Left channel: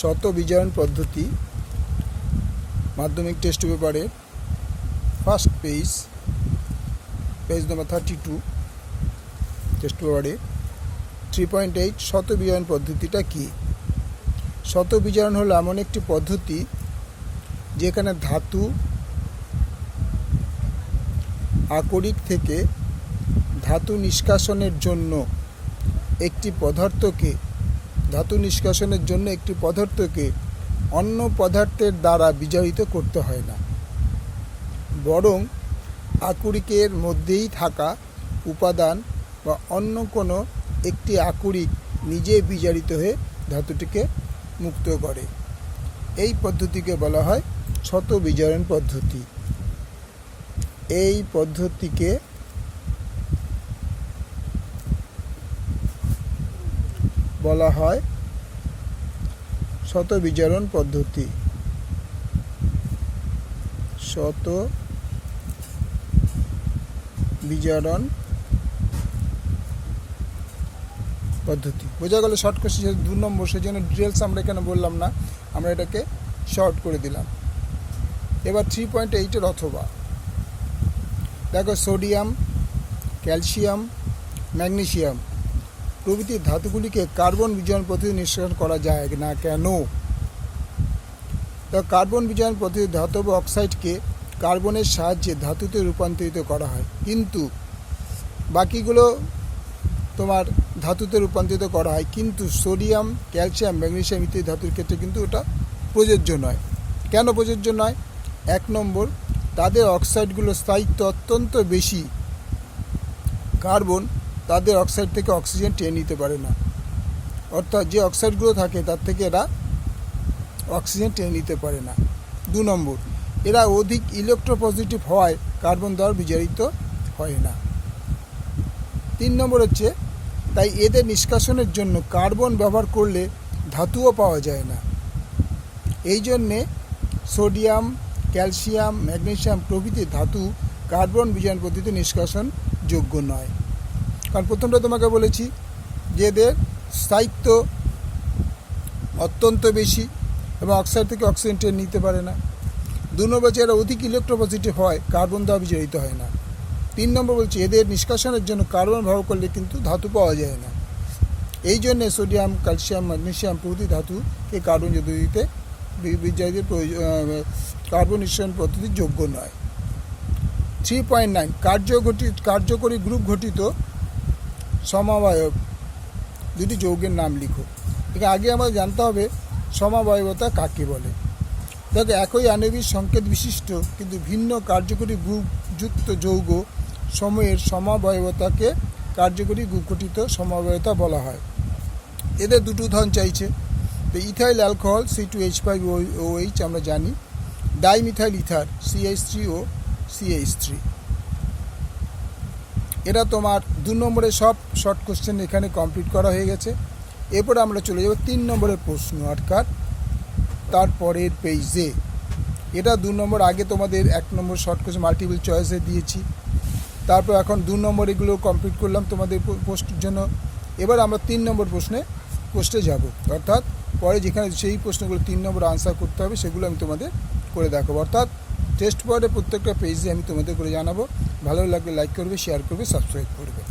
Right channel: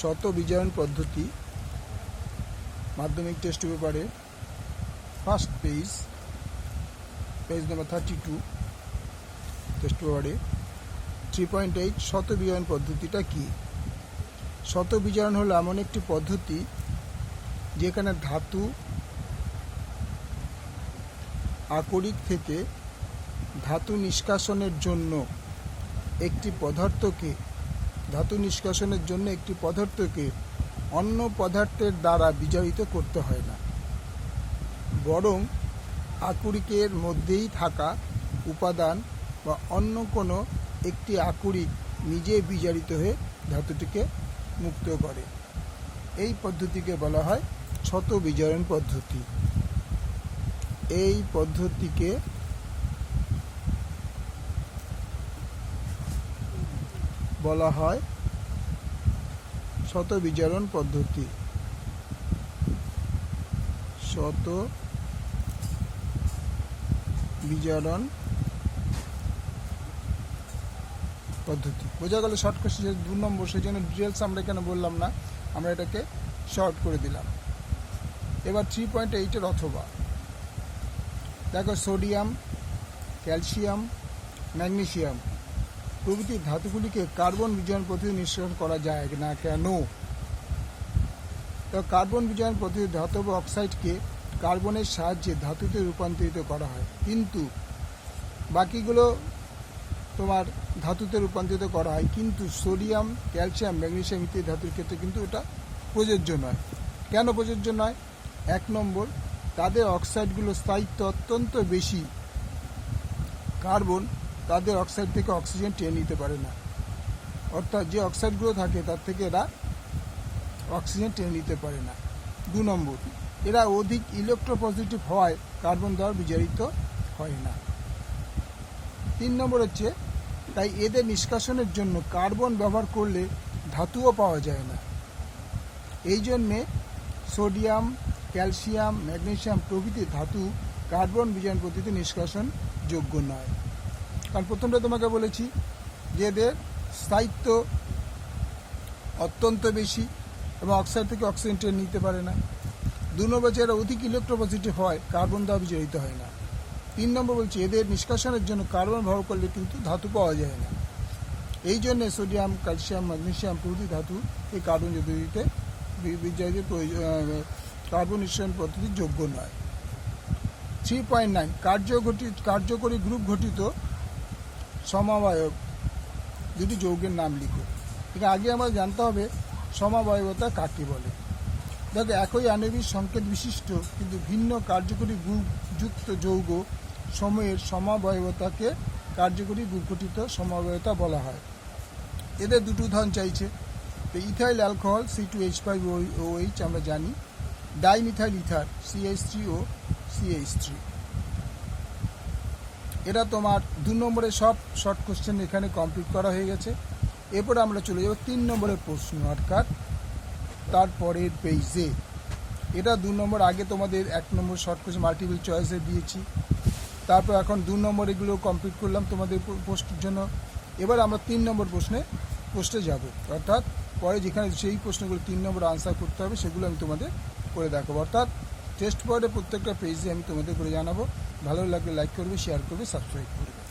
শত বিজয়ন পদ্ধতি মাধ্যমিক টেস্ট পেপারে first page page number thirty two test পেপারে থ্রি পয়েন্ট এইট শত বিজয়ন পদ্ধতিটা কী? শত বিজয়ন হলো এমন একটি পদ্ধতি যেখানে ধাতু আকরিক থেকে ধাতু নিষ্কাশনের জন্য একটি পদার্থকে ধাতু নিষ্কাশনের জন্য একটি পদার্থকে অন্য পদার্থের দ্বারা বিজারিত করতে হয় না। বরং আকরিকের মধ্যেই থাকা উপাদান বা অন্য কোনো একটি আকরিক নিজে বিজারিত হয়ে ধাতুটিকে মুক্ত করে। এই পদ্ধতিকে বলা হয় শত বিজারণ পদ্ধতি। এই পদ্ধতিকে বলা হয় শত বিজারণ পদ্ধতি। শত বিজারণ পদ্ধতি। বোঝা গেল শর্ট কোশ্চেন দু নম্বর সেই জন্য ডিটেলস আমরা এখানে বললাম না, আমরা এটাকে শর্ট করে দিলাম। এবার থ্রি পয়েন্ট এইটের অথবা। দেখো সোডিয়াম ক্যালসিয়াম ম্যাগনেসিয়াম প্রভৃতি ধাতুগুলিকে কার্বন বিজয়ন পদ্ধতি নিঃসরণ করা যায় না কেন? কার্বন বিজয়ন পদ্ধতি ধাতব অক্সাইডকে কার্বনের সাহায্যে ধাতুতে রূপান্তরিত করা হয়। কিন্তু বাকিগুলো তোমার ধাতুতে রূপান্তরিত করা হয়। কিন্তু সোডিয়াম, ক্যালসিয়াম ম্যাগনেশিয়াম ইত্যাদি ধাতুর ক্ষেত্রে কিন্তু ওটা প্রযোজ্য নয়। কেন প্রযোজ্য নয়? এক নম্বর, তাদের অক্সাইডগুলোর স্থায়িত্ব অত্যন্ত বেশি। কার্বন তাদের অক্সাইড থেকে অক্সিজেন টেনে নিতে পারে না। অর্থাৎ যে অক্সাইডগুলো থাকে, তার থেকে এরা অক্সিজেন টেনে নিতে পারে না। দু নম্বর, এরা অধিক ইলেকট্রোপজিটিভ হওয়ায় কার্বন দ্বারা বিজারিত হয় না। তিন নম্বর হচ্ছে, তাই এদের নিষ্কাশনের জন্য কার্বন ব্যবহার করলে ধাতুও পাওয়া যায় না। এই জন্যে সোডিয়াম ক্যালসিয়াম ম্যাগনেসিয়াম প্রভৃতি ধাতু কার্বন বিজারণ পদ্ধতিতে নিষ্কাশন যোগ্য নয়। কারণ প্রথমটা তোমাকে বলেছি যে এদের স্থায়িত্ব অত্যন্ত বেশি এবং অক্সাইড থেকে অক্সিজেন টেনে নিতে পারে না। দু নম্বর হচ্ছে এরা অধিক ইলেকট্রোপজিটিভ হয় কার্বন দ্বারা জড়িত হয় না। তিন নম্বর বলছে এদের নিষ্কাশনের জন্য কার্বন ব্যবহার করলে কিন্তু ধাতু পাওয়া যায় না। এই জন্যে সোডিয়াম ক্যালসিয়াম ম্যাগনেসিয়াম প্রভৃতি ধাতুকে কার্বন পদ্ধতিতে বিজারিত কার্বন নিঃসরণ পদ্ধতি যোগ্য নয়। থ্রি পয়েন্ট নাইন কার্যঘটি কার্যকরী গ্রুপ ঘটিত সমাবয়ব দুটি যৌগের নাম লিখো। এটা আগে আমাদের জানতে হবে, সমাবয়বতা কাকে বলে? দেখো, একই আণবিক সংকেত বিশিষ্ট কিন্তু ভিন্ন কার্যকরী গ্রুপ যুক্ত যৌগ সময়ের সমাবয়বতাকে কার্যকরী গ্রুপ গঠিত সমাবয়তা বলা হয়। এদের দুটো উদাহরণ চাইছে। তো ethyl alcohol C two H five O H আমরা জানি। Dimethyl ether CH three O CH three এটা তোমার দু নম্বরের সব শর্ট কোশ্চেন এখানে কমপ্লিট করা হয়ে গেছে। এরপরে আমরা চলে যাব তিন নম্বরের প্রশ্ন অর্থাৎ তারপরের পেজে এটা দু নম্বর আগে তোমাদের এক নম্বর শর্ট কোশ্চেন মাল্টিপল চয়েসে দিয়েছি। তারপর এখন দু নম্বর এগুলো কমপ্লিট করলাম তোমাদের পোস্টের জন্য। এবার আমরা তিন নম্বর প্রশ্নে পোস্টে যাব। অর্থাৎ পরে যেখানে সেই প্রশ্নগুলো তিন নম্বর আনসার করতে হবে, সেগুলো আমি তোমাদের করে দেখাবো। অর্থাৎ টেস্ট পরে প্রত্যেকটা পেজে আমি তোমাদের করে জানাব। ভালো লাগলে লাইক করবে শেয়ার করবে সাবস্ক্রাইব করবে।